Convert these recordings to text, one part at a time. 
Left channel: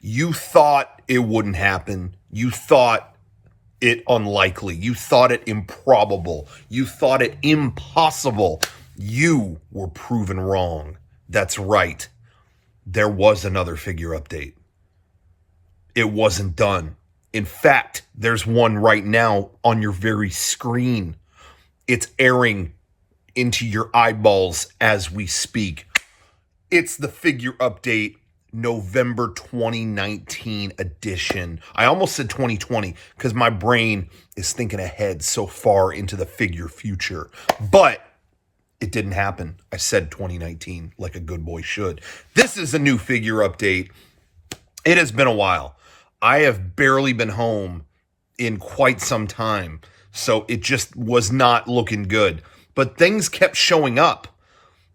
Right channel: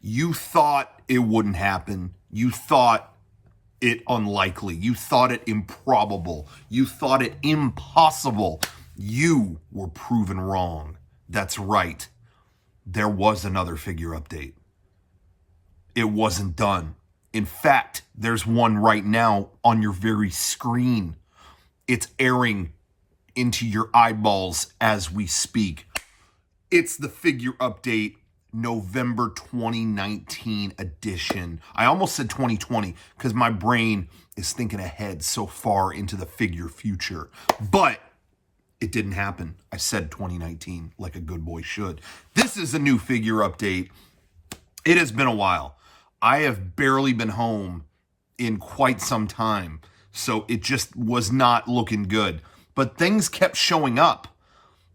You thought it wouldn't happen. You thought it unlikely. You thought it improbable. You thought it impossible. You were proven wrong. That's right. There was another figure update. It wasn't done. In fact, there's one right now on your very screen. It's airing into your eyeballs as we speak. It's the figure update November 2019 edition. I almost said 2020 because my brain is thinking ahead so far into the figure future. But it didn't happen. I said 2019 like a good boy should. This is a new figure update. It has been a while. I have barely been home in quite some time, so it just was not looking good. But things kept showing up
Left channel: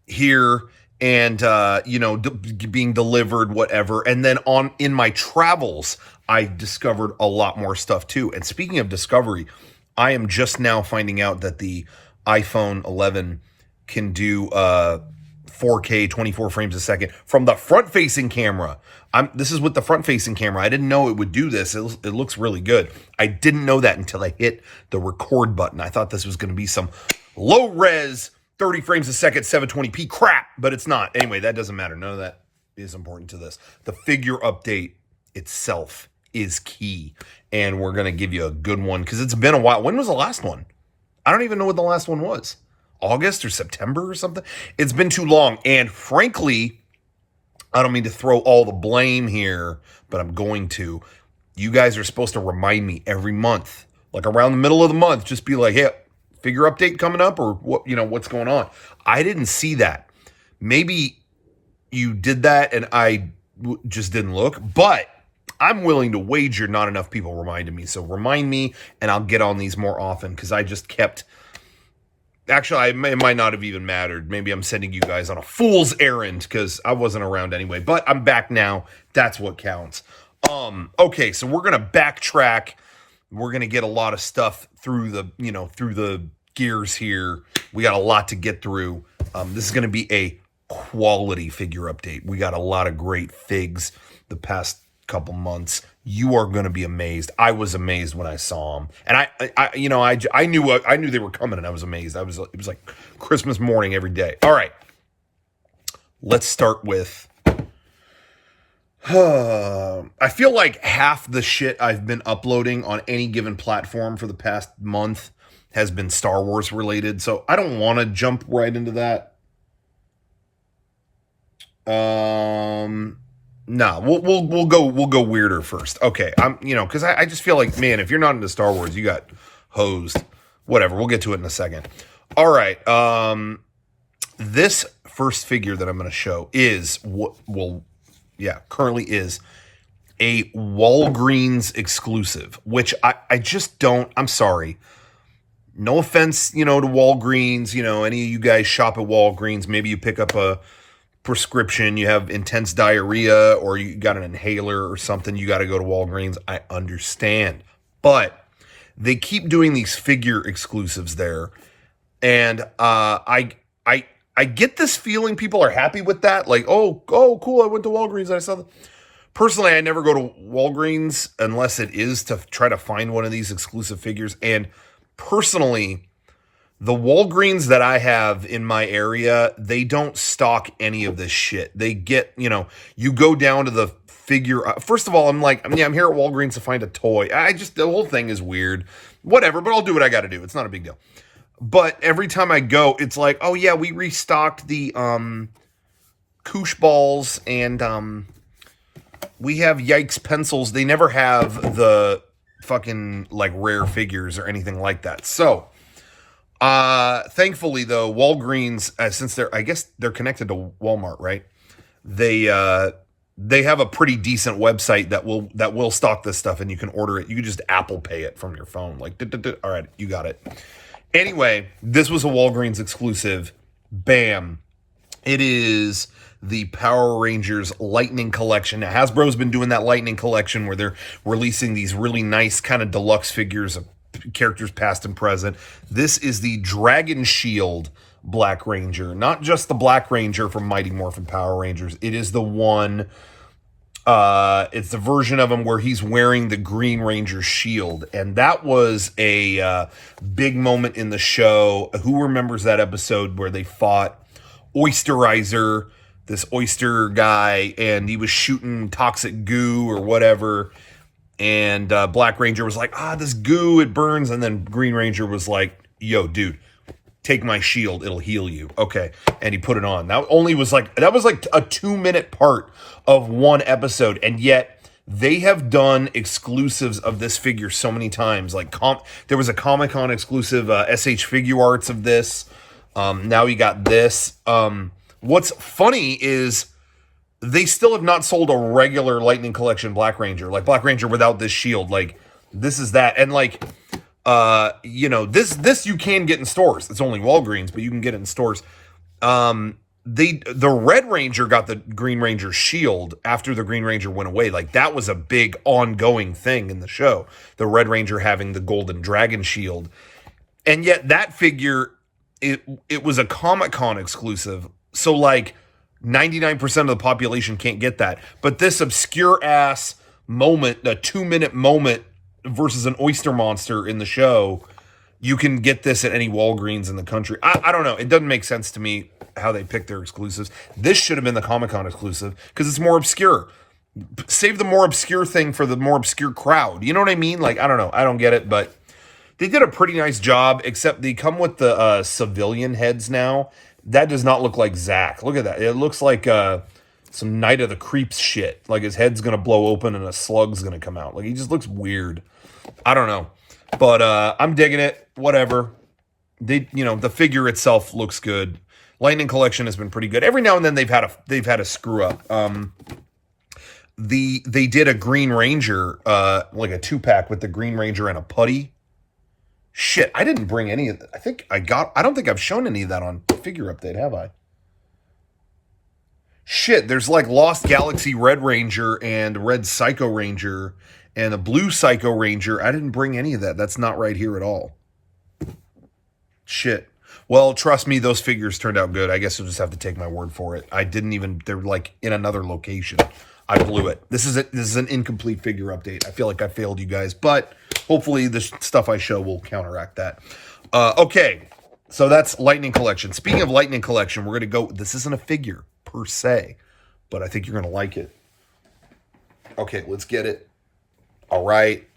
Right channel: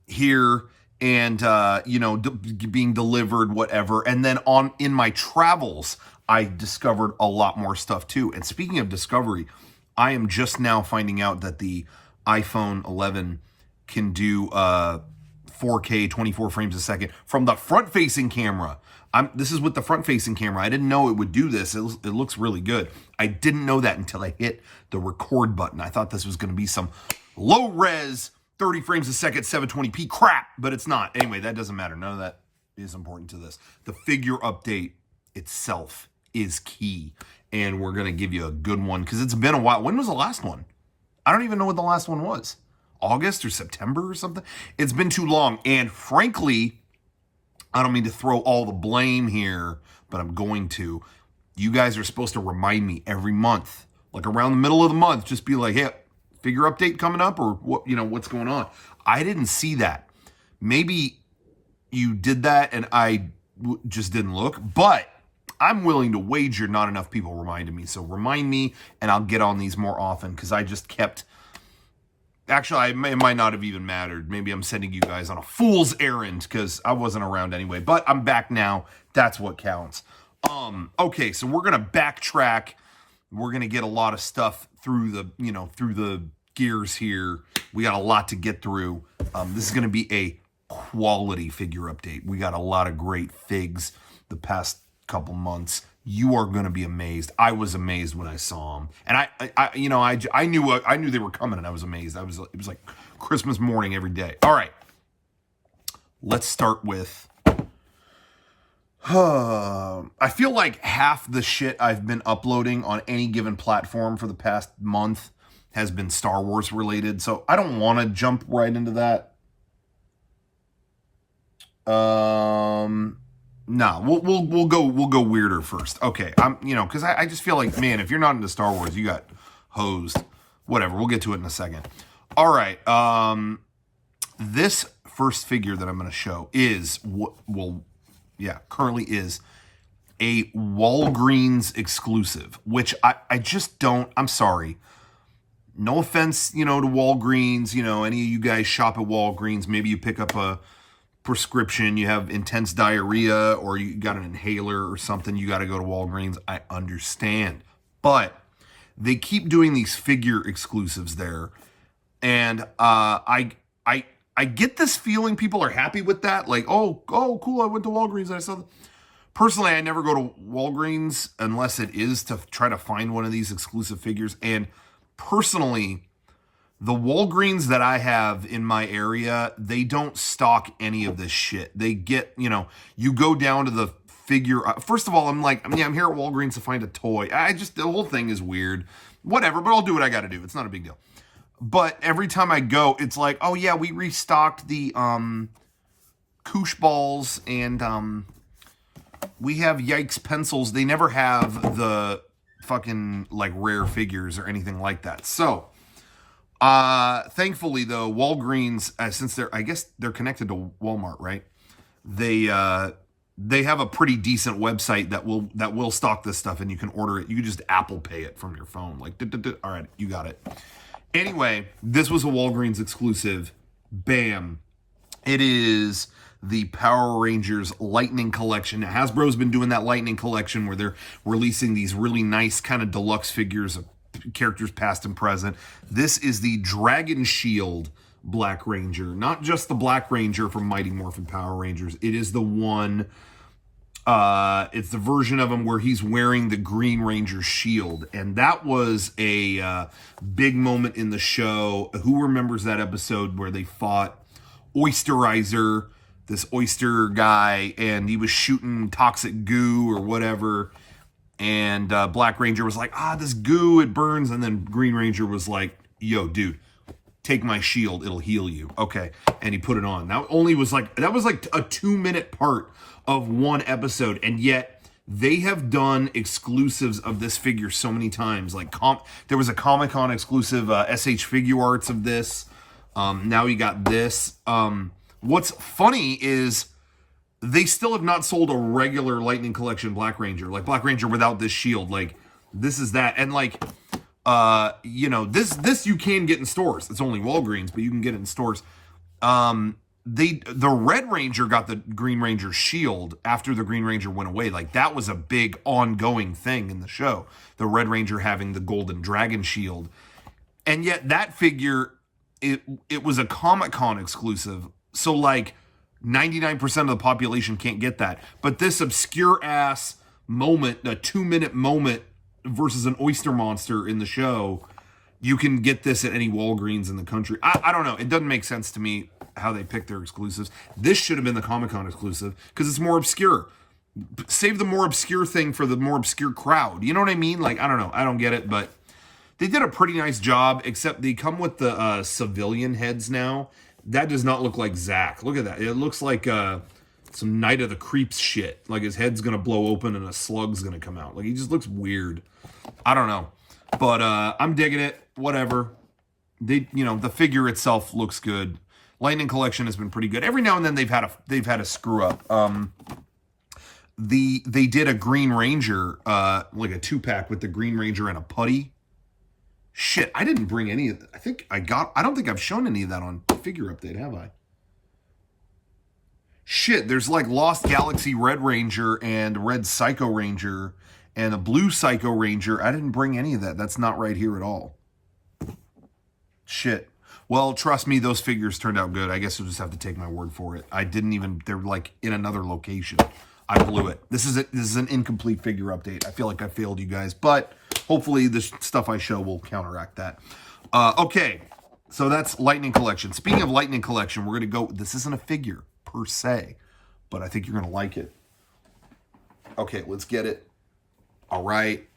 here and, being delivered, whatever. And then in my travels, I discovered a lot more stuff too. And speaking of discovery, I am just now finding out that the iPhone 11 can do 4K, 24 frames a second from the front-facing camera. This is with the front-facing camera. I didn't know it would do this. It looks really good. I didn't know that until I hit the record button. I thought this was going to be some low-res, 30 frames a second, 720p crap, but it's not. Anyway, that doesn't matter. None of that is important to this. The figure update itself is key, and we're going to give you a good one because it's been a while. When was the last one? I don't even know what the last one was. August or September or something? It's been too long, and frankly, I don't mean to throw all the blame here, but I'm going to. You guys are supposed to remind me every month, like around the middle of the month, just be like, hey, figure update coming up or what, what's going on? I didn't see that. Maybe you did that and I just didn't look, but I'm willing to wager not enough people reminded me. So remind me and I'll get on these more often because I just kept... Actually, it might not have even mattered. Maybe I'm sending you guys on a fool's errand because I wasn't around anyway. But I'm back now. That's what counts. Okay, so we're gonna backtrack. We're gonna get a lot of stuff through the gears here. We got a lot to get through. This is gonna be a quality figure update. We got a lot of great figs the past couple months. You are going to be amazed. I was amazed when I saw them, and I knew they were coming, and I was amazed. It was like Christmas morning every day. All right, let's start with. I feel like half the shit I've been uploading on any given platform for the past month has been Star Wars related, so I don't want to jump right into that. No, we'll go weirder first. Okay, because I just feel like, man, if you're not into Star Wars, you got hosed. Whatever, we'll get to it in a second. All right, this first figure that I'm going to show is currently is a Walgreens exclusive, which I just don't. I'm sorry. No offense, to Walgreens. Any of you guys shop at Walgreens. Maybe you pick up a prescription, you have intense diarrhea, or you got an inhaler or something, you got to go to Walgreens. I understand, but they keep doing these figure exclusives there, and I get this feeling people are happy with that, like, oh cool, I went to Walgreens and I saw them. Personally, I never go to Walgreens unless it is to try to find one of these exclusive figures, and personally, the Walgreens that I have in my area, they don't stock any of this shit. They get, you go down to the figure. First of all, I'm here at Walgreens to find a toy. The whole thing is weird. Whatever, but I'll do what I got to do. It's not a big deal. But every time I go, it's like, oh yeah, we restocked the Koosh balls and we have Yikes pencils. They never have the fucking like rare figures or anything like that. So, thankfully though, Walgreens, since they're connected to Walmart, right? They have a pretty decent website that will stock this stuff, and you can order it. You can just Apple Pay it from your phone. Like, all right, you got it. Anyway, this was a Walgreens exclusive. Bam. It is the Power Rangers Lightning Collection. Now, Hasbro's been doing that Lightning Collection where they're releasing these really nice kind of deluxe figures of characters past and present. This is the Dragon Shield Black Ranger. Not just the Black Ranger from Mighty Morphin Power Rangers. It is the one It's the version of him where he's wearing the Green Ranger shield. And that was a big moment in the show. Who remembers that episode where they fought Oysterizer, this oyster guy, and he was shooting toxic goo or whatever. And Black Ranger was like, this goo, it burns. And then Green Ranger was like, yo, dude, take my shield, it'll heal you. Okay. And he put it on. That was like a 2-minute part of one episode. And yet they have done exclusives of this figure so many times. Like there was a Comic-Con exclusive SH Figure Arts of this. Now you got this. What's funny is they still have not sold a regular Lightning Collection Black Ranger. Like Black Ranger without this shield. Like this is that. And like, this you can get in stores. It's only Walgreens, but you can get it in stores. The Red Ranger got the Green Ranger shield after the Green Ranger went away. Like that was a big ongoing thing in the show. The Red Ranger having the Golden Dragon shield. And yet that figure, it was a Comic-Con exclusive. So like 99% of the population can't get that. But this obscure ass moment, a 2-minute moment versus an oyster monster in the show, you can get this at any Walgreens in the country. I don't know. It doesn't make sense to me how they pick their exclusives. This should have been the Comic-Con exclusive because it's more obscure. Save the more obscure thing for the more obscure crowd. You know what I mean? Like, I don't know. I don't get it, but they did a pretty nice job, except they come with the civilian heads now. That does not look like Zack. Look at that. It looks like some Night of the Creeps shit. Like his head's going to blow open and a slug's going to come out. Like he just looks weird. I don't know. But I'm digging it. Whatever. The figure itself looks good. Lightning Collection has been pretty good. Every now and then they've had a screw up. They did a Green Ranger, like a 2-pack with the Green Ranger and a putty. Shit, I didn't bring any of that. I don't think I've shown any of that on Figure Update, have I? Shit, there's like Lost Galaxy Red Ranger and Red Psycho Ranger and a Blue Psycho Ranger. I didn't bring any of that. That's not right here at all. Shit. Well, trust me, those figures turned out good. I guess you'll just have to take my word for it. They're like in another location. I blew it. This is an incomplete figure update. I feel like I failed you guys, but hopefully the stuff I show will counteract that. Okay, so that's Lightning Collection. Speaking of Lightning Collection, we're going to go, this isn't a figure per se, but I think you're going to like it. Okay, let's get it. All right,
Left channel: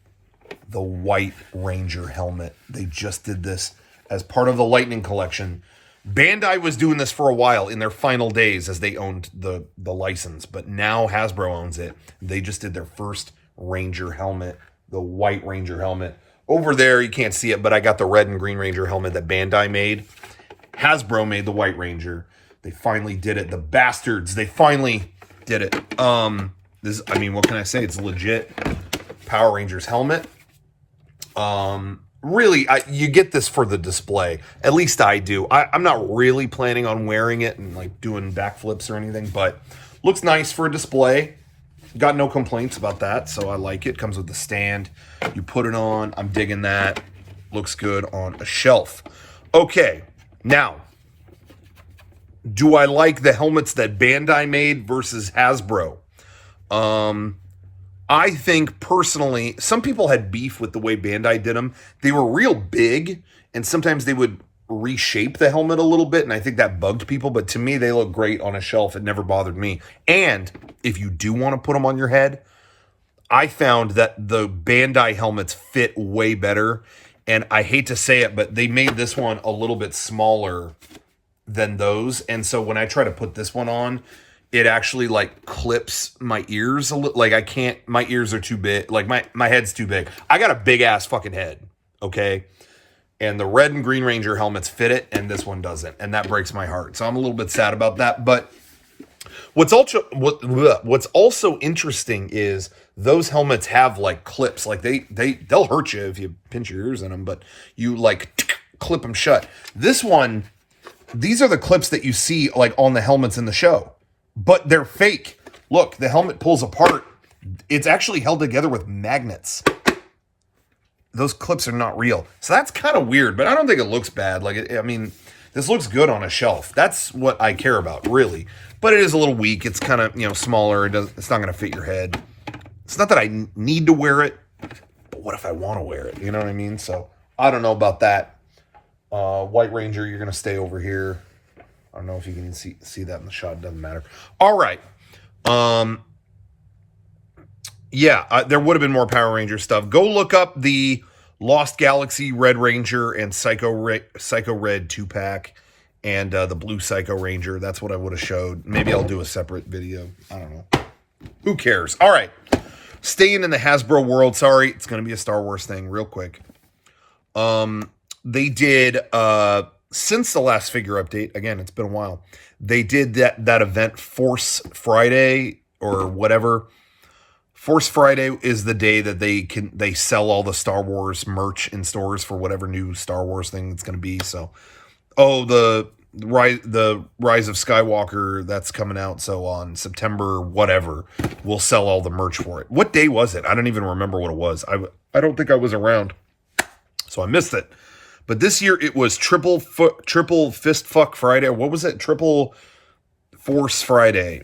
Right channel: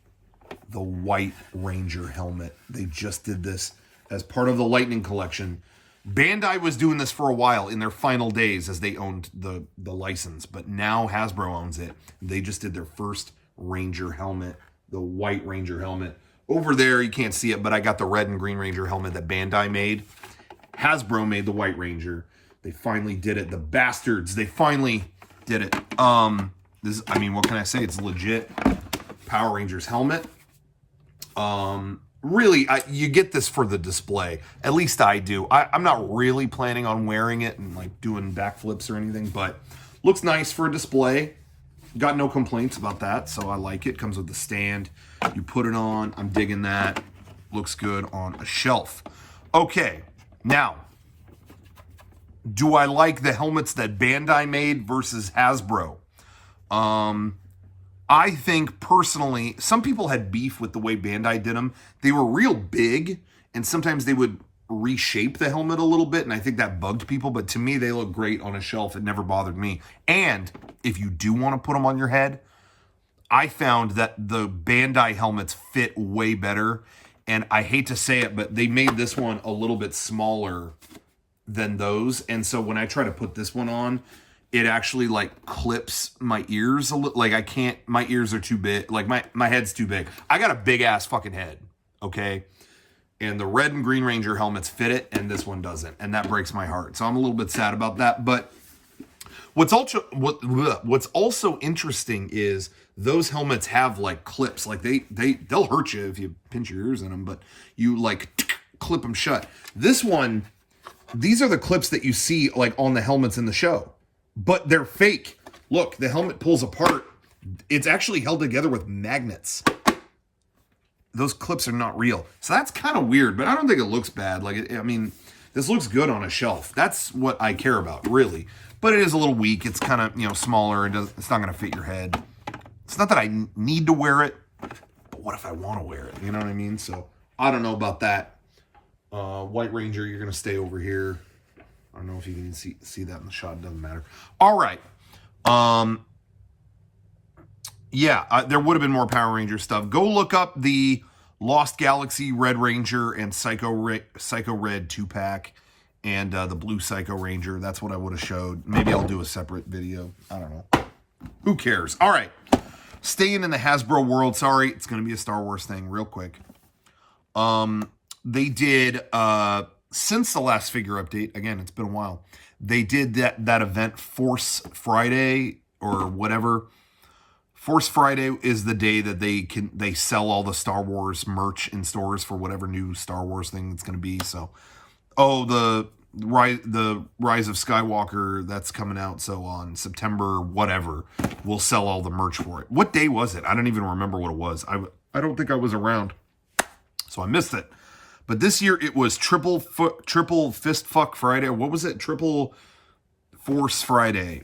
the White Ranger helmet. They just did this as part of the Lightning Collection. Bandai was doing this for a while in their final days as they owned the license, but now Hasbro owns it. They just did their first Ranger helmet, the White Ranger helmet. Over there, you can't see it, but I got the Red and Green Ranger helmet that Bandai made. Hasbro made the White Ranger. They finally did it. The bastards, they finally did it. What can I say? It's legit. Power Rangers helmet. Really, you get this for the display. At least I do. I'm not really planning on wearing it and like doing backflips or anything, but looks nice for a display. Got no complaints about that, so I like it. Comes with the stand. You put it on. I'm digging that. Looks good on a shelf. Okay, now, do I like the helmets that Bandai made versus Hasbro? I think personally, some people had beef with the way Bandai did them. They were real big, and sometimes they would reshape the helmet a little bit, and I think that bugged people, but to me, they look great on a shelf. It never bothered me. And if you do want to put them on your head, I found that the Bandai helmets fit way better, and I hate to say it, but they made this one a little bit smaller than those, and so when I try to put this one on, it actually like clips my ears a little. Like I can't, my ears are too big. Like my head's too big. I got a big ass fucking head. Okay. And the Red and Green Ranger helmets fit it and this one doesn't. And that breaks my heart. So I'm a little bit sad about that. But what's also interesting is those helmets have like clips. Like they'll hurt you if you pinch your ears in them, but you like clip them shut. This one, these are the clips that you see like on the helmets in the show. But they're fake. Look, the helmet pulls apart. It's actually held together with magnets. Those clips are not real. So that's kind of weird, but I don't think it looks bad. Like, this looks good on a shelf. That's what I care about, really. but it is a little weak. It's kind of, smaller. It's not going to fit your head. It's not that I need to wear it, but what if I want to wear it? You know what I mean? So I don't know about that. White Ranger, you're going to stay over here. I don't know if you can even see that in the shot. It doesn't matter. All right. There would have been more Power Ranger stuff. Go look up the Lost Galaxy Red Ranger and Psycho Red 2-pack and the Blue Psycho Ranger. That's what I would have showed. Maybe I'll do a separate video. I don't know. Who cares? All right. Staying in the Hasbro world. Sorry, it's going to be a Star Wars thing real quick. They did, since the last figure update, again, it's been a while, they did that event, Force Friday or whatever. Force Friday is the day that they sell all the Star Wars merch in stores for whatever new Star Wars thing it's going to be. So, the Rise of Skywalker, that's coming out. So on September whatever, we'll sell all the merch for it. What day was it? I don't even remember what it was. I don't think I was around, so I missed it. But this year it was triple fist fuck Friday. What was it? Triple Force Friday,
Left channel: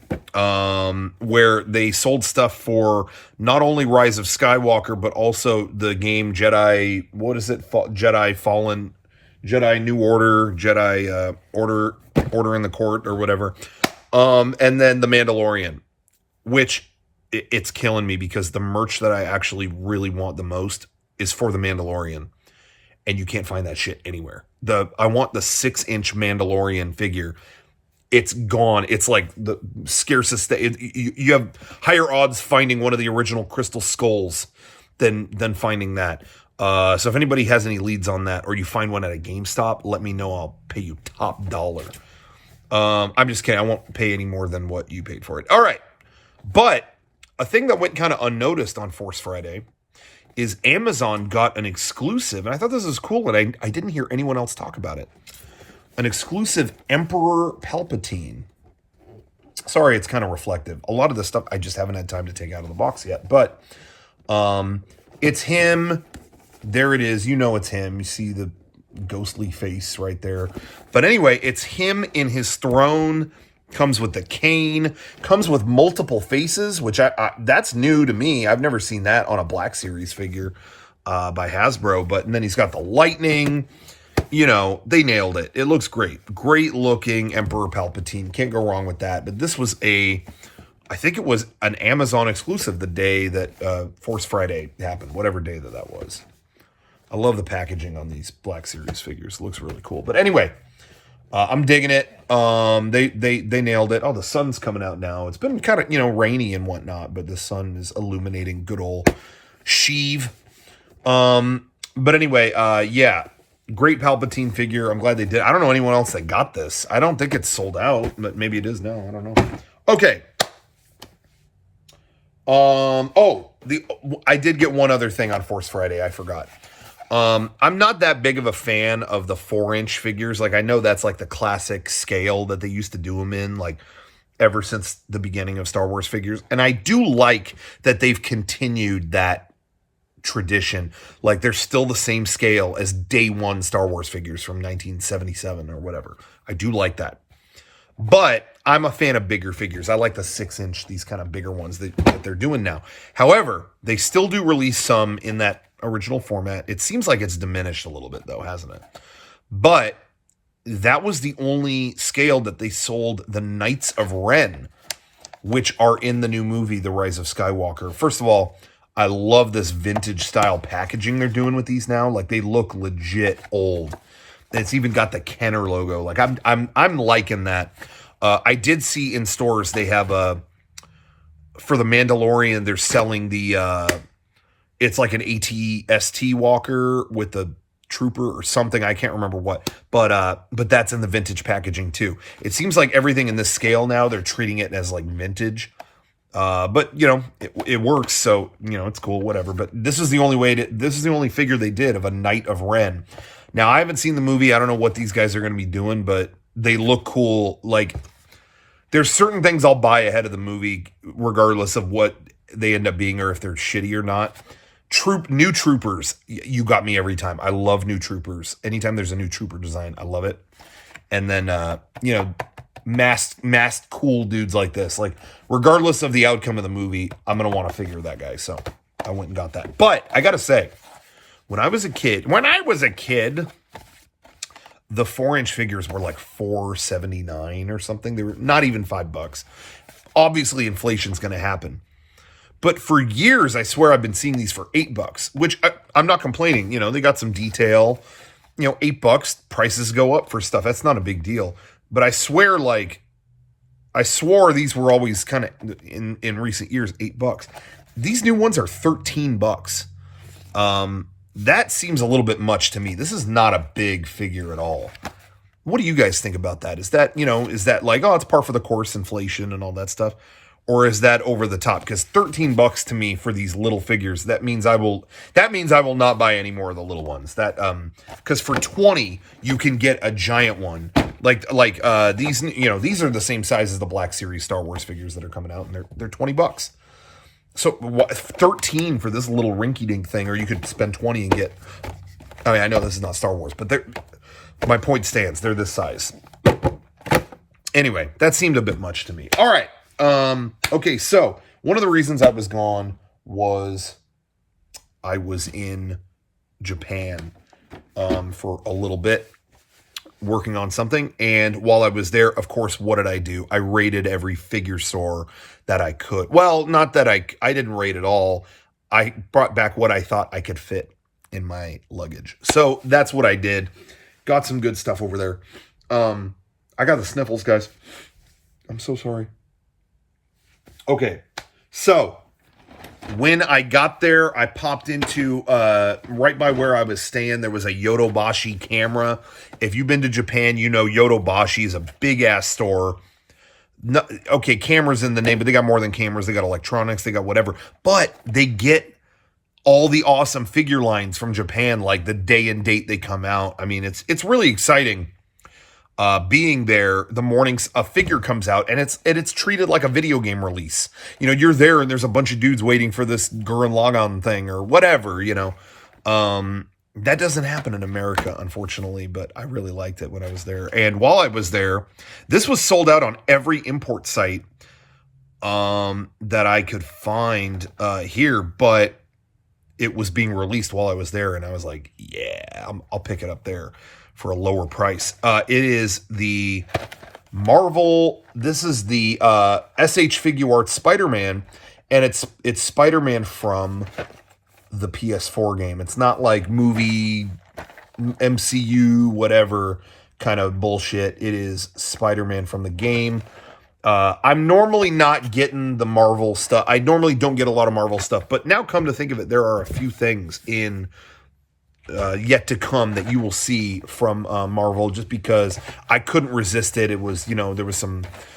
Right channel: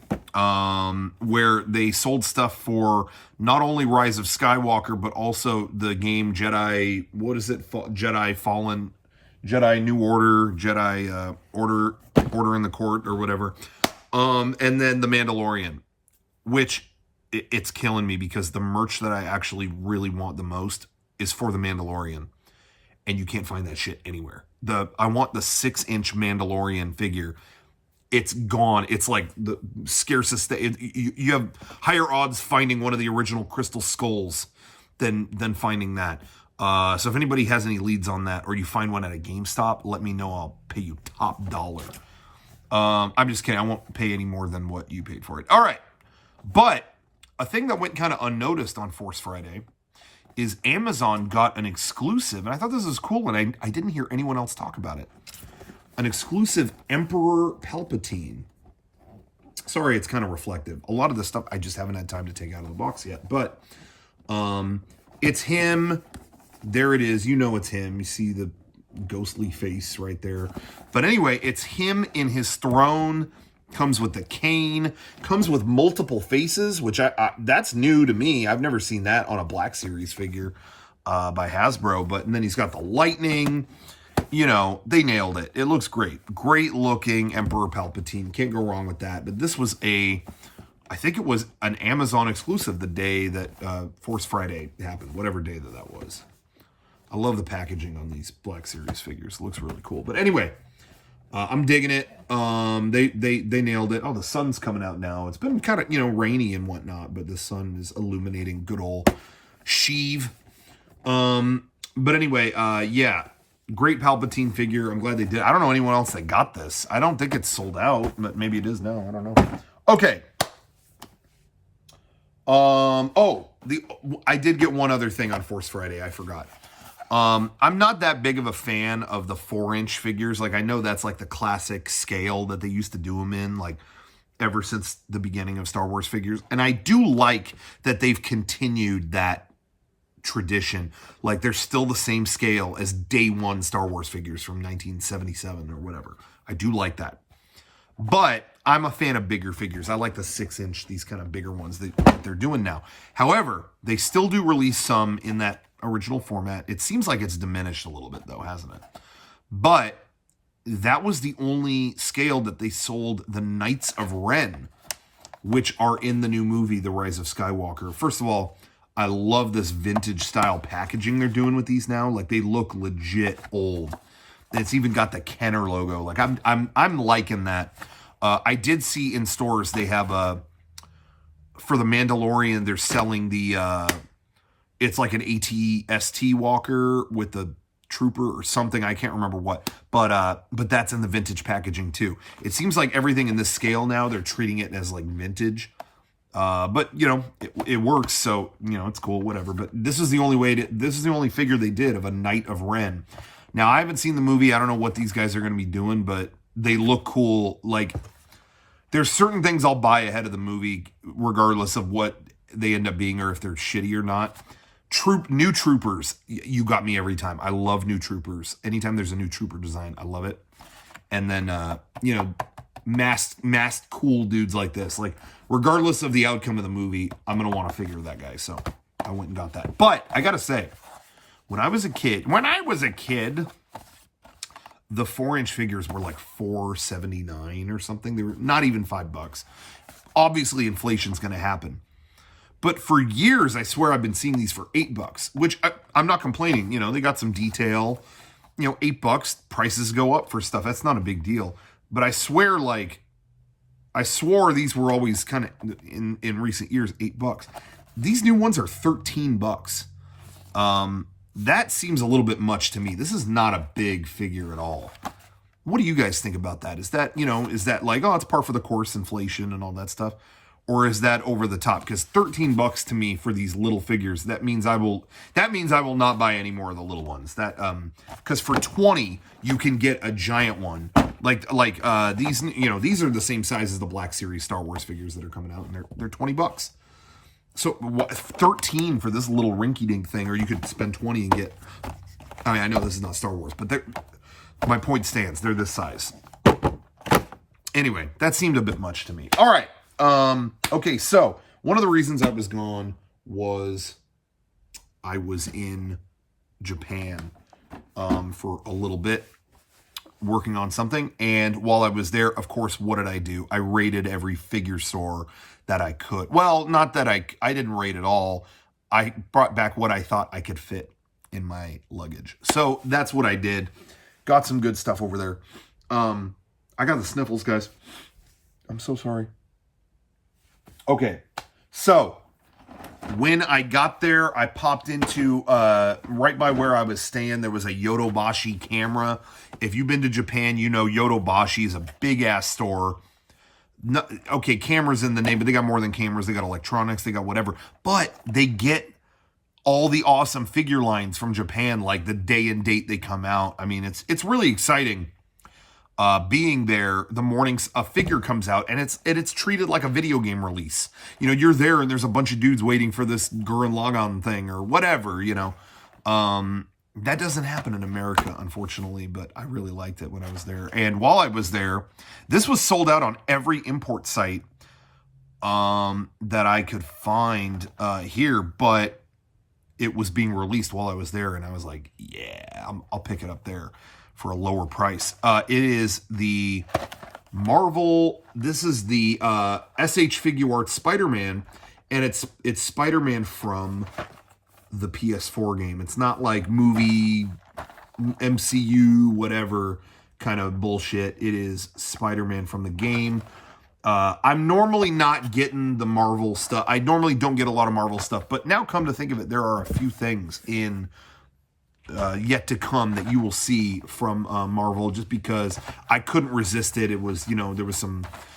where they sold stuff for not only Rise of Skywalker, but also the game Jedi, what is it? Jedi Fallen, Jedi New Order, Jedi Order in the Court or whatever. And then The Mandalorian, which it's killing me because the merch that I actually really want the most is for The Mandalorian. And you can't find that shit anywhere. I want the 6-inch Mandalorian figure. It's gone. It's like the scarcest. You have higher odds finding one of the original Crystal Skulls than finding that. So if anybody has any leads on that, or you find one at a GameStop, let me know. I'll pay you top dollar. I'm just kidding. I won't pay any more than what you paid for it. All right. But a thing that went kind of unnoticed on Force Friday is Amazon got an exclusive, and I thought this was cool, and I didn't hear anyone else talk about it. An exclusive Emperor Palpatine. Sorry, it's kind of reflective. A lot of the stuff I just haven't had time to take out of the box yet, but it's him. There it is. You know it's him. You see the ghostly face right there. But anyway, it's him in his throne. Comes with the cane, comes with multiple faces, which that's new to me. I've never seen that on a Black Series figure by Hasbro. And then he's got the lightning. They nailed it. It looks great. Great looking Emperor Palpatine. Can't go wrong with that. But this was I think it was an Amazon exclusive the day that Force Friday happened, whatever day that was. I love the packaging on these Black Series figures. It looks really cool. But anyway, I'm digging it. They nailed it. Oh, the sun's coming out now. It's been kind of, rainy and whatnot, but the sun is illuminating good old Sheev. But anyway, great Palpatine figure. I'm glad they did. I don't know anyone else that got this. I don't think it's sold out, but maybe it is now. I don't know. Okay. I did get one other thing on Force Friday. I forgot. I'm not that big of a fan of the 4-inch figures. Like, I know that's like the classic scale that they used to do them in, like ever since the beginning of Star Wars figures. And I do like that they've continued that tradition. Like, they're still the same scale as day one Star Wars figures from 1977 or whatever. I do like that. But I'm a fan of bigger figures. I like the 6-inch, these kind of bigger ones that they're doing now. However, they still do release some in that original format. It seems like it's diminished a little bit, though, hasn't it? But that was the only scale that they sold the Knights of Ren, which are in the new movie, The Rise of Skywalker. First of all, I love this vintage style packaging they're doing with these now. Like, they look legit old. It's even got the Kenner logo. Like, I'm liking that. I did see in stores they have for the Mandalorian, they're selling the it's like an AT-ST walker with the trooper or something. I can't remember what, but that's in the vintage packaging too. It seems like everything in this scale now, they're treating it as like vintage. But it works. So, it's cool, whatever. But this is the only figure they did of a Knight of Ren. Now, I haven't seen the movie. I don't know what these guys are going to be doing, but they look cool. Like, there's certain things I'll buy ahead of the movie, regardless of what they end up being or if they're shitty or not. New troopers, you got me every time. I love new troopers. Anytime there's a new trooper design, I love it. And then, masked cool dudes like this. Like, regardless of the outcome of the movie, I'm going to want to figure that guy. So I went and got that. But I got to say, when I was a kid, the 4-inch figures were like $4.79 or something. They were not even $5. Obviously, inflation's going to happen. But for years, I swear I've been seeing these for $8, which I'm not complaining. You know, they got some detail. You know, $8, prices go up for stuff. That's not a big deal. But I swore these were always kind of, in recent years, $8. These new ones are $13. That seems a little bit much to me. This is not a big figure at all. What do you guys think about that? Is that like, oh, it's par for the course, inflation and all that stuff? Or is that over the top? Because $13 to me for these little figures, that means I will not buy any more of the little ones. That because for $20 you can get a giant one. Like these, you know, these are the same size as the Black Series Star Wars figures that are coming out, and they're $20. So what, 13 for this little rinky-dink thing, or you could spend 20 and get, I mean, I know this is not Star Wars, but my point stands. They're this size. Anyway, that seemed a bit much to me. All right. Okay, so one of the reasons I was gone was I was in Japan for a little bit, working on something. And while I was there, of course, what did I do? I raided every figure store that I could. Well, not that I didn't raid it all. I brought back what I thought I could fit in my luggage. So that's what I did. Got some good stuff over there. I got the sniffles, guys. I'm so sorry. Okay, so when I got there, I popped into, right by where I was staying, there was a Yodobashi camera. If you've been to Japan, you know Yodobashi is a big-ass store. No, okay, cameras in the name, but they got more than cameras. They got electronics, they got whatever. But they get all the awesome figure lines from Japan, like the day and date they come out. I mean, it's really exciting. Being there, the morning a figure comes out, and it's treated like a video game release. You know, you're there and there's a bunch of dudes waiting for this Gurren Lagann thing or whatever, you know. That doesn't happen in America, unfortunately, but I really liked it when I was there. And while I was there, this was sold out on every import site that I could find here, but it was being released while I was there, and I was like, yeah, I'll pick it up there for a lower price. It is the Marvel, this is the SH Figuarts Spider-Man, and it's Spider-Man from the PS4 game. It's not like movie, MCU, whatever kind of bullshit. It is Spider-Man from the game. I'm normally not getting the Marvel stuff. I normally don't get a lot of Marvel stuff, but now come to think of it, there are a few things in yet to come that you will see from Marvel, just because I couldn't resist it. It was, you know, there was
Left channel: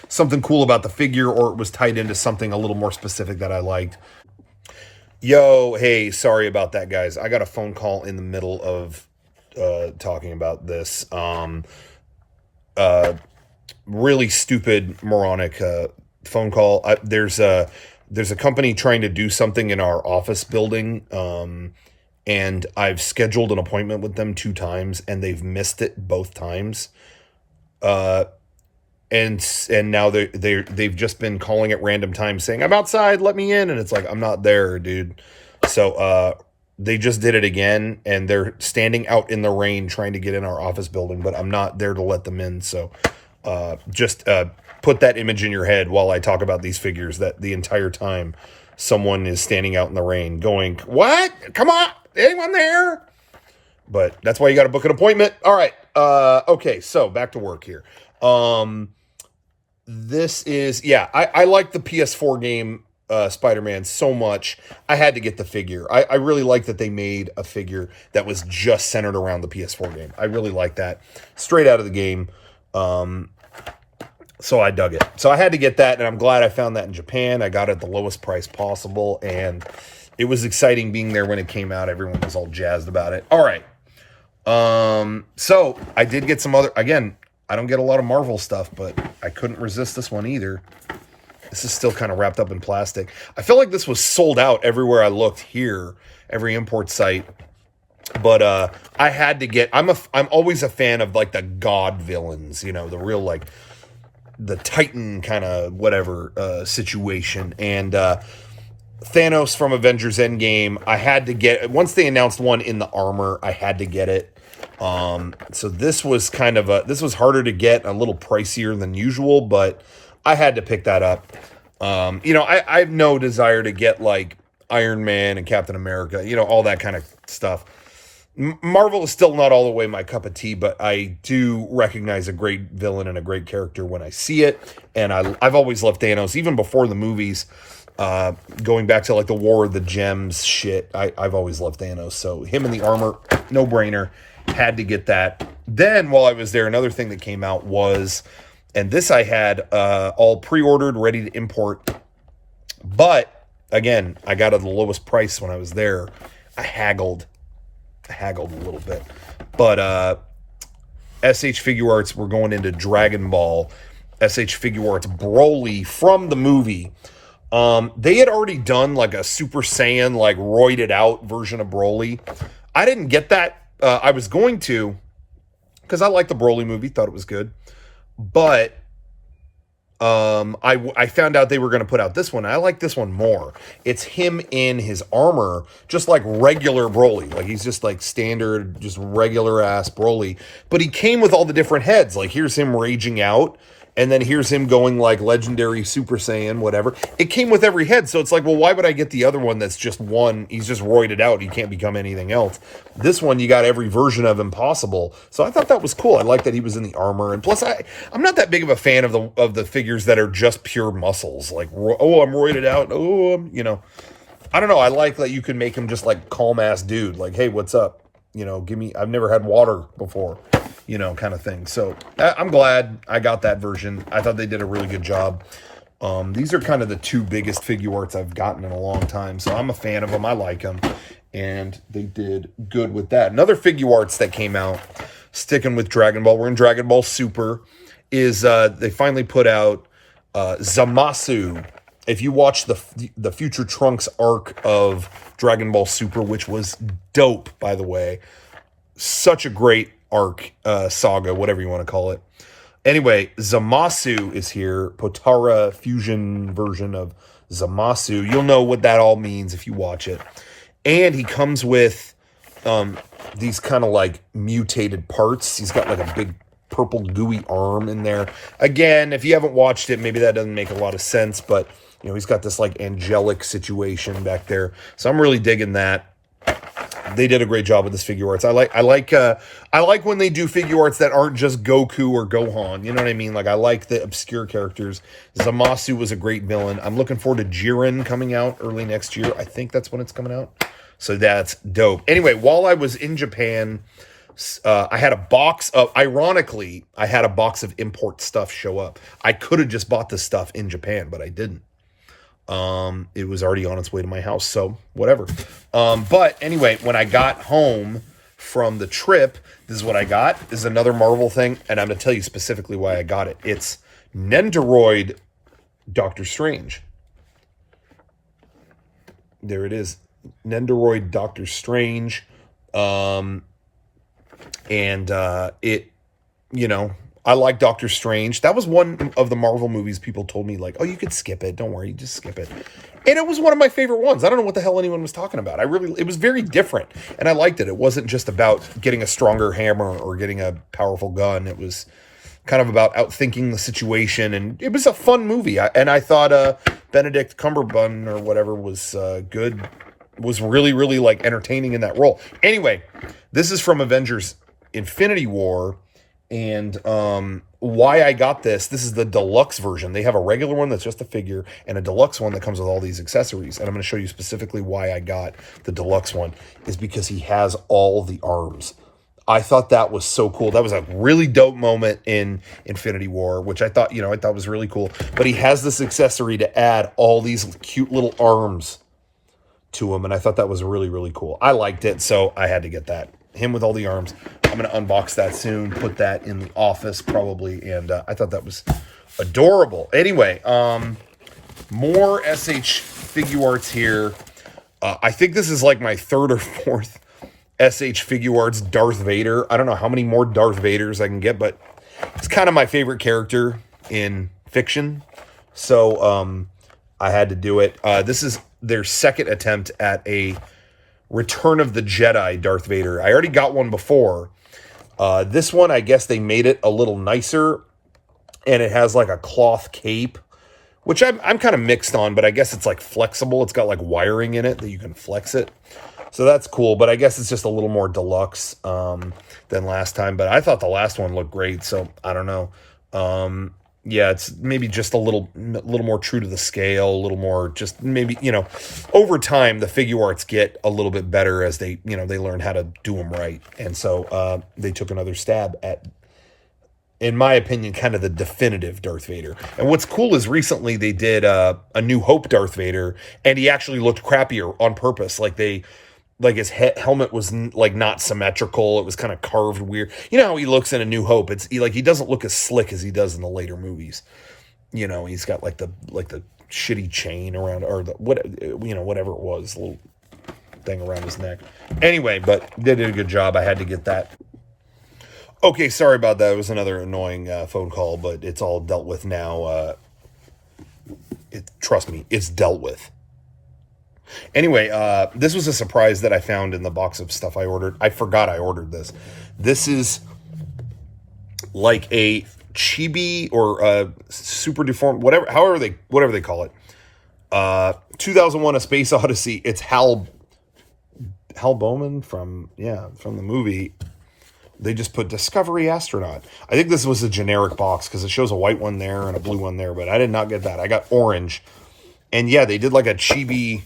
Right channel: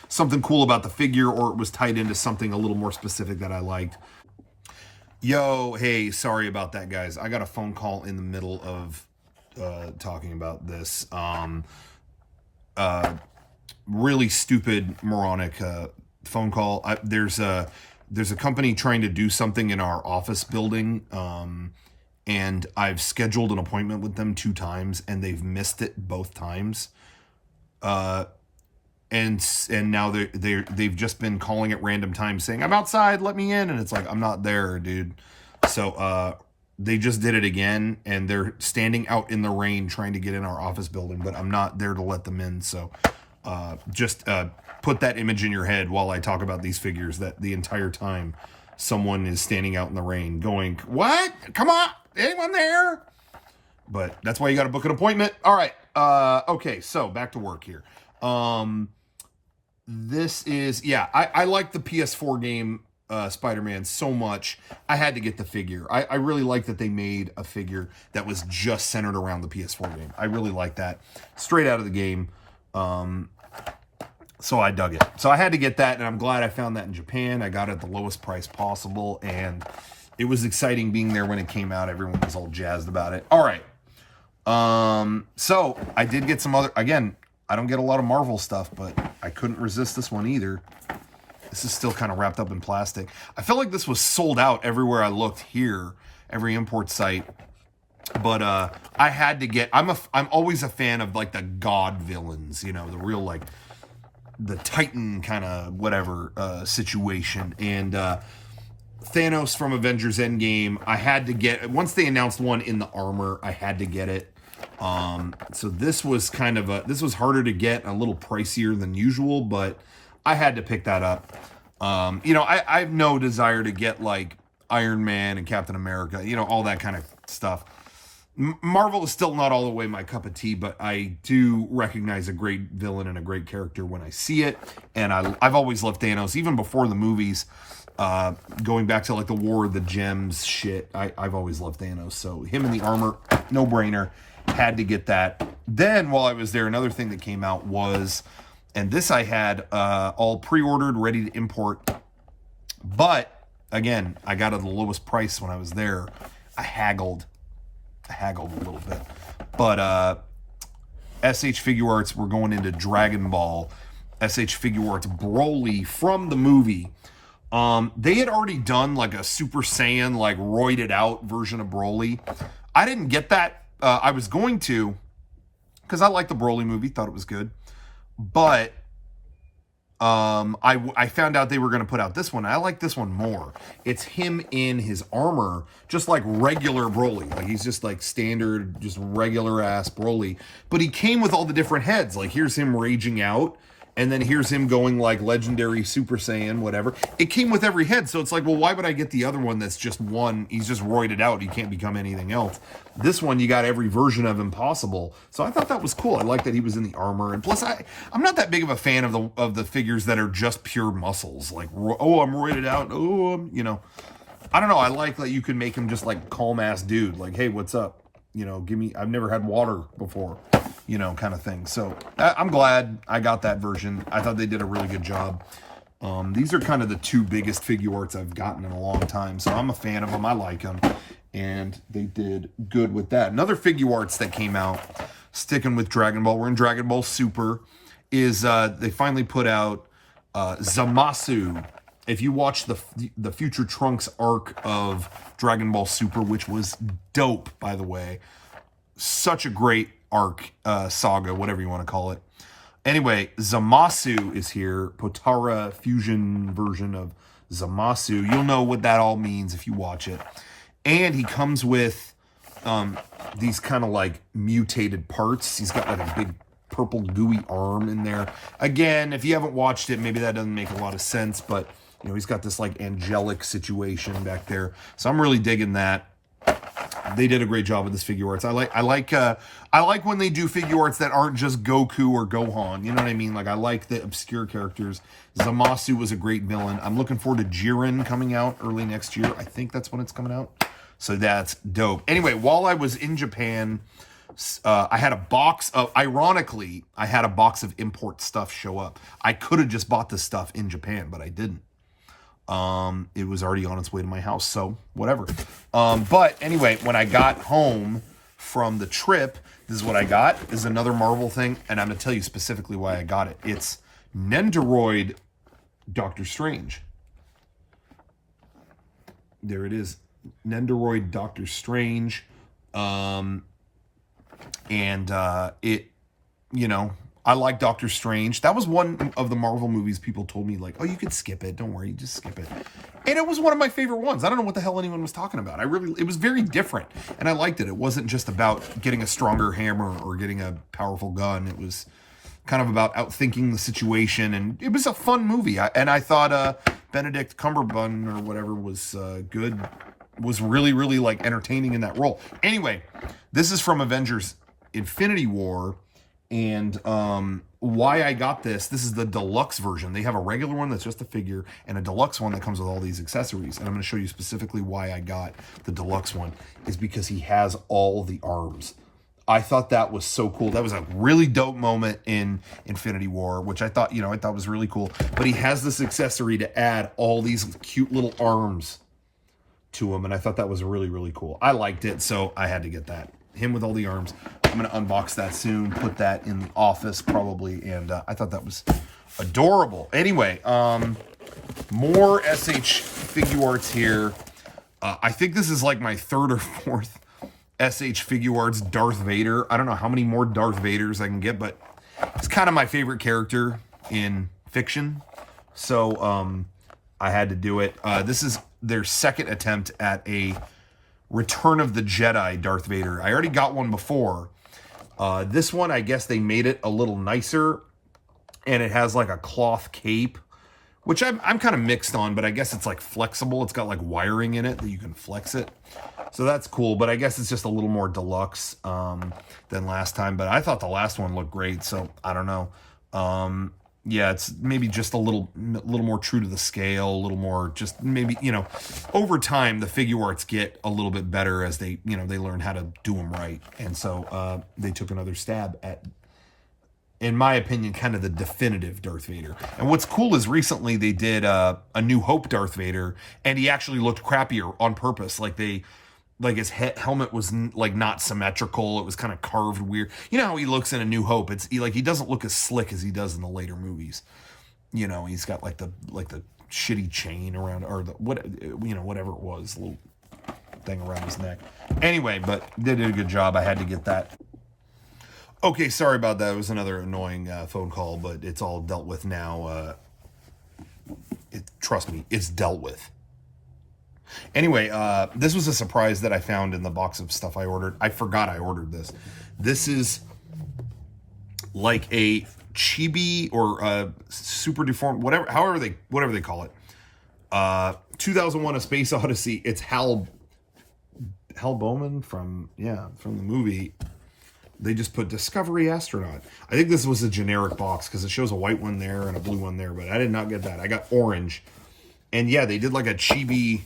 something cool about the figure, or it was tied into something a little more specific that I liked. Yo, hey, sorry about that, guys. I got a phone call in the middle of talking about this. Really stupid, moronic phone call. There's a company trying to do something in our office building, and I've scheduled an appointment with them 2 times, and they've missed it both times. And now they've just been calling at random times saying, I'm outside, let me in. And it's like, I'm not there, dude. So they just did it again, and they're standing out in the rain trying to get in our office building, but I'm not there to let them in. So just put that image in your head while I talk about these figures, that the entire time someone is standing out in the rain going, what? Come on, anyone there? But that's why you got to book an appointment. All right. Okay, so back to work here. This is, yeah, I like the PS4 game, Spider-Man, so much. I had to get the figure. I really like that they made a figure that was just centered around the PS4 game. I really like that. Straight out of the game. So I dug it. So I had to get that, and I'm glad I found that in Japan. I got it at the lowest price possible, and it was exciting being there when it came out. Everyone was all jazzed about it. All right. So I did get some other, again, I don't get a lot of Marvel stuff, but I couldn't resist this one either. This is still kind of wrapped up in plastic. I feel like this was sold out everywhere I looked here, every import site. But I had to get, I'm always a fan of like the god villains, you know, the real like the Titan kind of whatever situation. And Thanos from Avengers Endgame, I had to get, once they announced one in the armor, I had to get it. So this was kind of this was harder to get, a little pricier than usual, but I had to pick that up. You know, I have no desire to get like Iron Man and Captain America, you know, all that kind of stuff. Marvel is still not all the way my cup of tea, but I do recognize a great villain and a great character when I see it. And I've always loved Thanos, even before the movies, going back to like the War of the Gems shit. I've always loved Thanos. So him in the armor, no brainer, had to get that. Then while I was there, another thing that came out was, and this I had all pre-ordered, ready to import. But again, I got it at the lowest price when I was there. I haggled a little bit, but SH Figure Arts, we're going into Dragon Ball. SH Figure Arts Broly from the movie. They had already done like a Super Saiyan, like roided out version of Broly. I didn't get that. I was going to, because I liked the Broly movie, thought it was good, but I found out they were going to put out this one. I like this one more. It's him in his armor, just like regular Broly. Like he's just like standard, just regular ass Broly. But he came with all the different heads. Like here's him raging out, and then here's him going like legendary Super Saiyan, whatever. It came with every head. So it's like, well, why would I get the other one that's just one? He's just roided out. He can't become anything else. This one, you got every version of him possible. So I thought that was cool. I like that he was in the armor. And plus, I'm not that big of a fan of the figures that are just pure muscles. Like, oh, I'm roided out. Oh, you know. I don't know. I like that you can make him just like calm ass dude. Like, hey, what's up? You know, I've never had water before. You know, kind of thing. So I'm glad I got that version. I thought they did a really good job. These are kind of the two biggest figure arts I've gotten in a long time. So I'm a fan of them. I like them. And they did good with that. Another figure arts that came out, sticking with Dragon Ball, we're in Dragon Ball Super, is they finally put out Zamasu. If you watch the Future Trunks arc of Dragon Ball Super, which was dope, by the way. Such a great arc, saga, whatever you want to call it. Anyway, Zamasu is here. Potara fusion version of Zamasu. You'll know what that all means if you watch it. And he comes with these kind of like mutated parts. He's got like a big purple gooey arm in there. Again, if you haven't watched it, maybe that doesn't make a lot of sense, but you know, he's got this like angelic situation back there. So I'm really digging that. They did a great job with this figure arts. I like when they do figure arts that aren't just Goku or Gohan. You know what I mean? Like I like the obscure characters. Zamasu was a great villain. I'm looking forward to Jiren coming out early next year. I think that's when it's coming out. So that's dope. Anyway, while I was in Japan, I had a box of, ironically, I had a box of import stuff show up. I could have just bought this stuff in Japan, but I didn't. It was already on its way to my house, so whatever. But anyway, when I got home from the trip, this is what I got. This is another Marvel thing, and I'm going to tell you specifically why I got it. It's Nendoroid Doctor Strange. There it is. Nendoroid Doctor Strange. It, you know, I like Doctor Strange. That was one of the Marvel movies people told me, like, oh, you could skip it. Don't worry, just skip it. And it was one of my favorite ones. I don't know what the hell anyone was talking about. It was very different. And I liked it. It wasn't just about getting a stronger hammer or getting a powerful gun. It was kind of about outthinking the situation. And it was a fun movie. I thought Benedict Cumberbatch or whatever was good. Was really, really, like, entertaining in that role. Anyway, this is from Avengers Infinity War. And why I got this is the deluxe version. They have a regular one that's just a figure and a deluxe one that comes with all these accessories. And I'm going to show you specifically why I got the deluxe one is because he has all the arms. I thought that was so cool. That was a really dope moment in Infinity War, which I thought was really cool. But he has this accessory to add all these cute little arms to him. And I thought that was really, really cool. I liked it, so I had to get that. Him with all the arms. I'm going to unbox that soon, put that in the office probably, and I thought that was adorable. Anyway, more SH figure arts here. I think this is like my third or fourth SH figure arts Darth Vader. I don't know how many more Darth Vaders I can get, but it's kind of my favorite character. in fiction. So I had to do it. This is their second attempt at a Return of the Jedi Darth Vader. I already got one before. This one, I guess they made it a little nicer, and it has like a cloth cape, which I'm kind of mixed on, but I guess it's like flexible. It's got like wiring in it that you can flex it. So that's cool, but I guess it's just a little more deluxe than last time. But I thought the last one looked great, so I don't know. Yeah, it's maybe just a little more true to the scale, a little more just maybe, over time the figure arts get a little bit better as they learn how to do them right. And so they took another stab at, in my opinion, kind of the definitive Darth Vader. And what's cool is recently they did a New Hope Darth Vader, and he actually looked crappier on purpose. Like his helmet was like not symmetrical. It was kind of carved weird. You know how he looks in A New Hope? He doesn't look as slick as he does in the later movies. He's got like the shitty chain around, or whatever it was, little thing around his neck. Anyway, but they did a good job. I had to get that. Okay, sorry about that. It was another annoying phone call, but it's all dealt with now. Trust me, it's dealt with. Anyway, this was a surprise that I found in the box of stuff I ordered. I forgot I ordered this. This is like a chibi or a super deformed, whatever they call it. 2001: A Space Odyssey. It's Hal Bowman from the movie. They just put Discovery Astronaut. I think this was a generic box because it shows a white one there and a blue one there, but I did not get that. I got orange. And yeah, they did like a chibi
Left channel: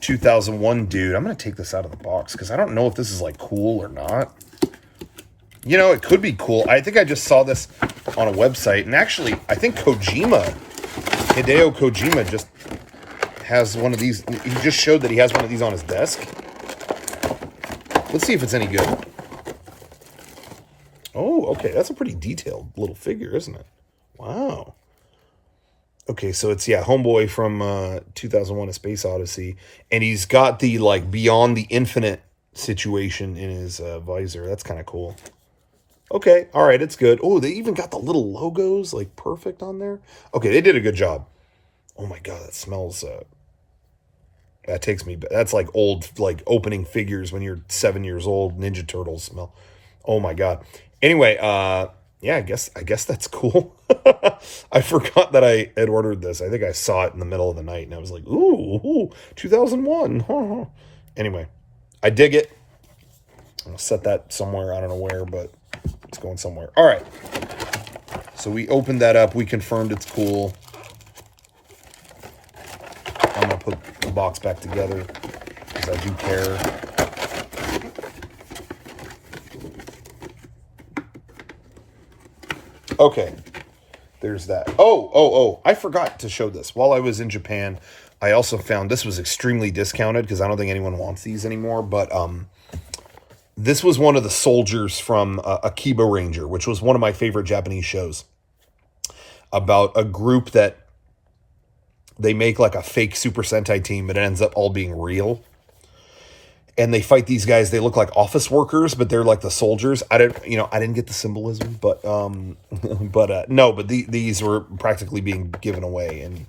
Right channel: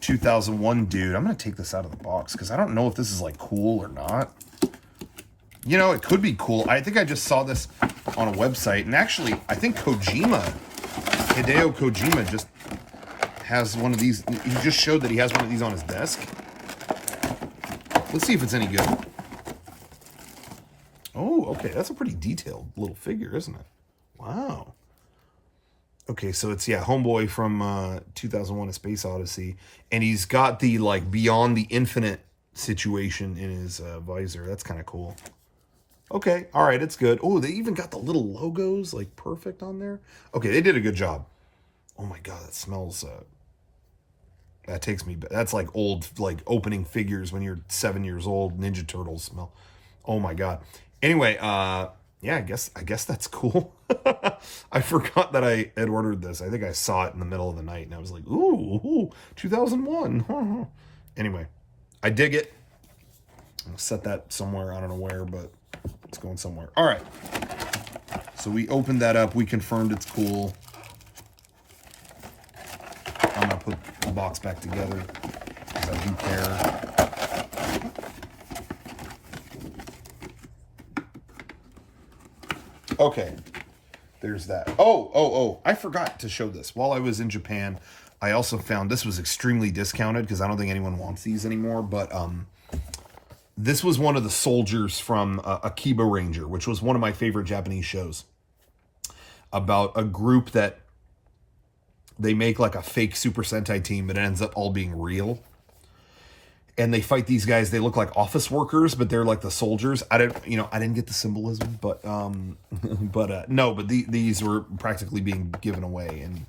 2001 dude. I'm going to take this out of the box because I don't know if this is like cool or not. It could be cool. I think I just saw this on a website. And actually, I think Hideo Kojima just has one of these. He just showed that he has one of these on his desk. Let's see if it's any good. Oh, okay. That's a pretty detailed little figure, isn't it? Wow. Okay, so it's, Homeboy from 2001: A Space Odyssey. And he's got the, Beyond the Infinite situation in his visor. That's kind of cool. Okay, all right, it's good. Oh, they even got the little logos, perfect on there. Okay, they did a good job. Oh, my God, that smells... that takes me... That's like old, opening figures when you're 7 years old. Ninja Turtles smell. Oh, my God. Anyway, I guess that's cool. I forgot that I had ordered this. I think I saw it in the middle of the night, and I was like, ooh 2001. Anyway, I dig it. I'll set that somewhere. I don't know where, but it's going somewhere. All right. So we opened that up. We confirmed it's cool. I'm going to put the box back together because I do care. Okay, there's that. Oh, I forgot to show this. While I was in Japan, I also found this was extremely discounted because I don't think anyone wants these anymore. But this was one of the soldiers from a Kiba Ranger, which was one of my favorite Japanese shows, about a group that they make like a fake Super Sentai team, but it ends up all being real. And they fight these guys. They look like office workers, but they're like the soldiers. I didn't get the symbolism, but these were practically being given away in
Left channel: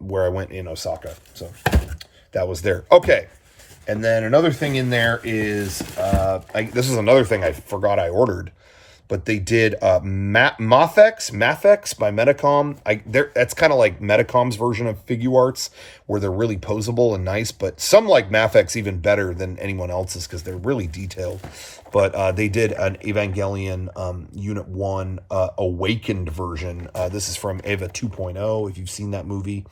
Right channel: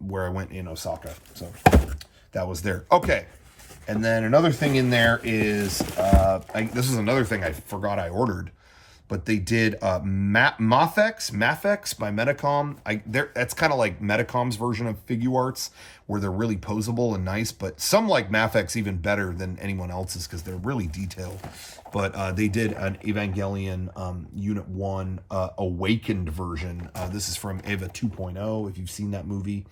where I went in Osaka. So that was there. Okay. And then another thing in there is, this is another thing I forgot I ordered, but they did Mafex by Medicom. That's kind of like Medicom's version of Figuarts, where they're really posable and nice, but some like Mafex even better than anyone else's because they're really detailed. But they did an Evangelion Unit 1 Awakened version. This is from Eva 2.0, if you've seen that movie.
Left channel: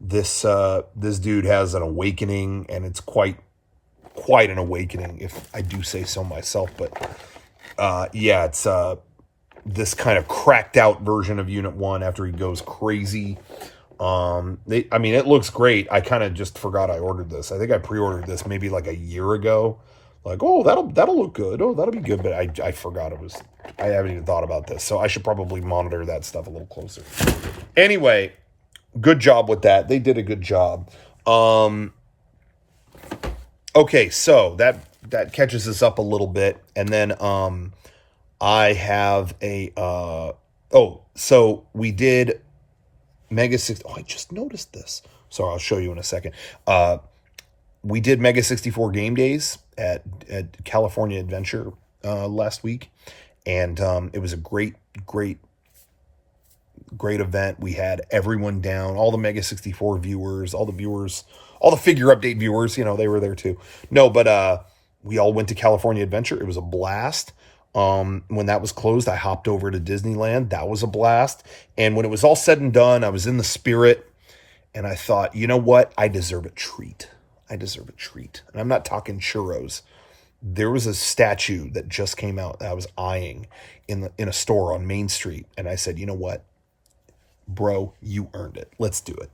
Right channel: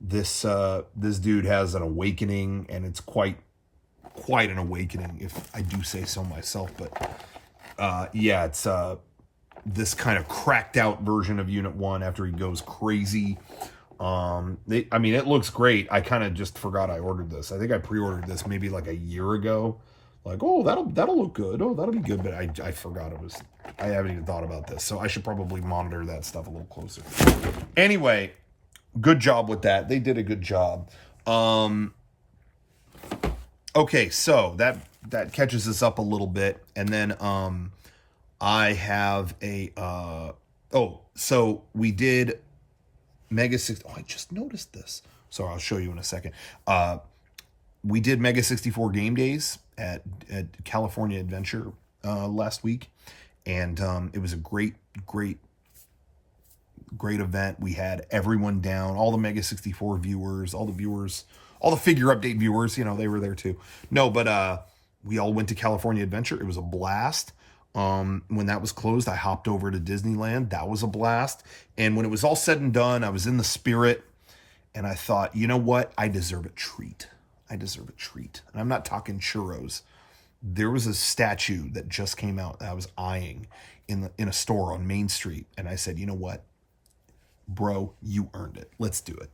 This dude has an awakening, and it's quite an awakening, if I do say so myself. But it's this kind of cracked out version of Unit 1 after he goes crazy. It looks great. I kind of just forgot I ordered this. I think I pre-ordered this maybe like a year ago. Like, oh, that'll look good. Oh, that'll be good. But I forgot I haven't even thought about this. So I should probably monitor that stuff a little closer. Anyway, good job with that. They did a good job. Okay, so that catches us up a little bit. And then I have a Oh, so we did Mega 60. Oh, I just noticed this. Sorry, I'll show you in a second. We did Mega 64 game days at California Adventure last week. And it was a great event. We had everyone down, all the Mega 64 viewers, all the figure update viewers, they were there too. No, but we all went to California Adventure. It was a blast. When that was closed, I hopped over to Disneyland. That was a blast. And when it was all said and done, I was in the spirit and I thought, you know what? I deserve a treat. And I'm not talking churros. There was a statue that just came out that I was eyeing in a store on Main Street. And I said, you know what? Bro, you earned it. Let's do it.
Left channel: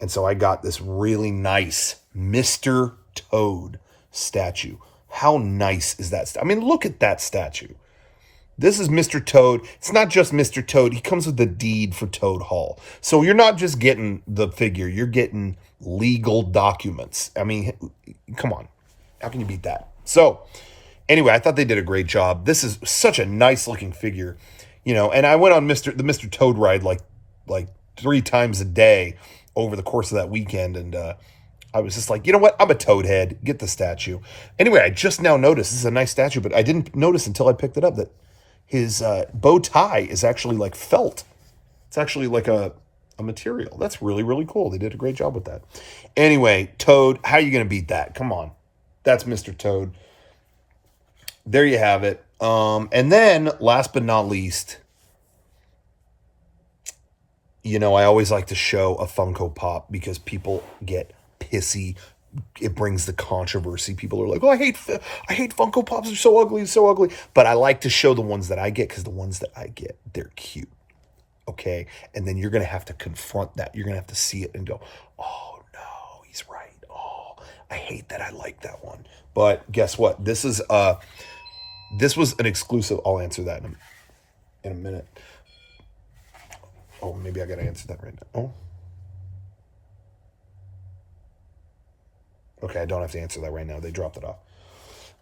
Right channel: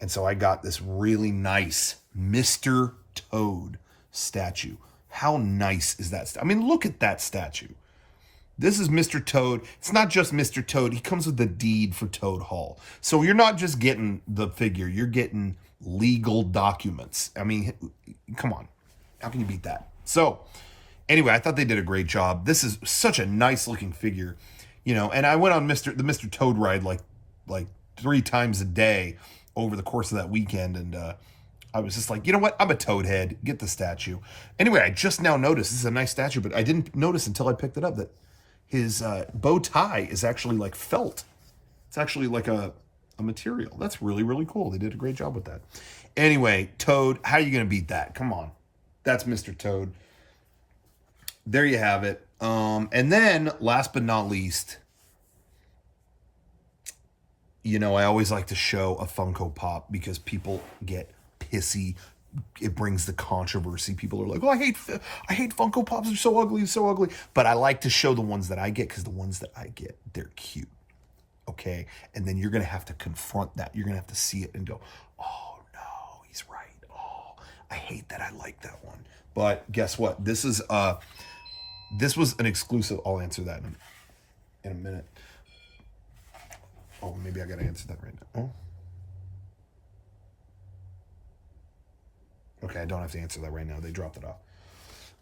And so I got this really nice Mr. Toad statue. How nice is that? I mean, look at that statue. This is Mr. Toad. It's not just Mr. Toad. He comes with the deed for Toad Hall. So you're not just getting the figure. You're getting legal documents. I mean, come on. How can you beat that? So anyway, I thought they did a great job. This is such a nice looking figure, and I went on the Mr. Toad ride like 3 times a day over the course of that weekend. And I was just like, you know what? I'm a Toad head. Get the statue. Anyway, I just now noticed this is a nice statue, but I didn't notice until I picked it up that his bow tie is actually like felt. It's actually like a material. That's really, really cool. They did a great job with that. Anyway, Toad, how are you going to beat that? Come on. That's Mr. Toad. There you have it. And then, last but not least, I always like to show a Funko Pop because people get pissy. It brings the controversy. People are like, oh, I hate Funko Pops. They're so ugly, so ugly. But I like to show the ones that I get because the ones that I get, they're cute. Okay? And then you're going to have to confront that. You're going to have to see it and go, oh, no, he's right. Oh, I hate that I like that one. But guess what? This was an exclusive. I'll answer that in a minute. Oh, maybe I got to answer that right now. Oh. Okay, I don't have to answer that right now. They dropped it off.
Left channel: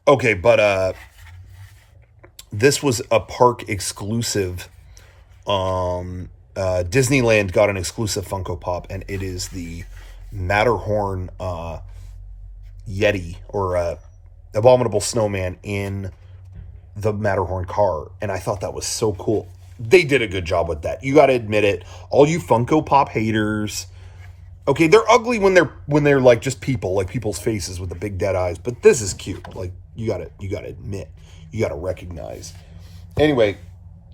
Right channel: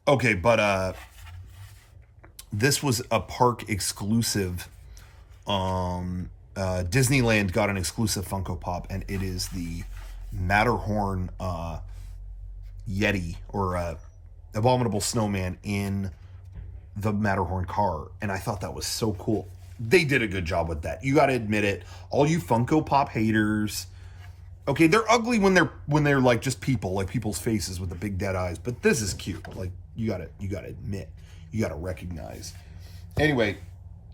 Okay, but this was a park exclusive. Disneyland got an exclusive Funko Pop, and it is the Matterhorn Yeti or Abominable Snowman in the Matterhorn car. And I thought that was so cool. They did a good job with that. You got to admit it. All you Funko Pop haters. Okay, they're ugly when they're like just people, like people's faces with the big dead eyes. But this is cute. Like you gotta admit, you gotta recognize. Anyway,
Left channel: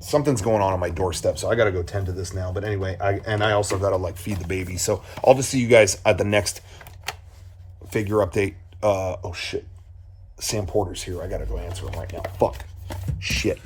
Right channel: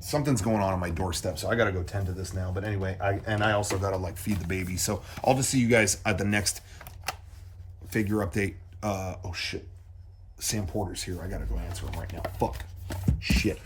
something's going on my doorstep, so I gotta go tend to this now. But anyway, I also gotta feed the baby. So I'll just see you guys at the next figure update. Oh shit, Sam Porter's here. I gotta go answer him right now. Fuck, shit.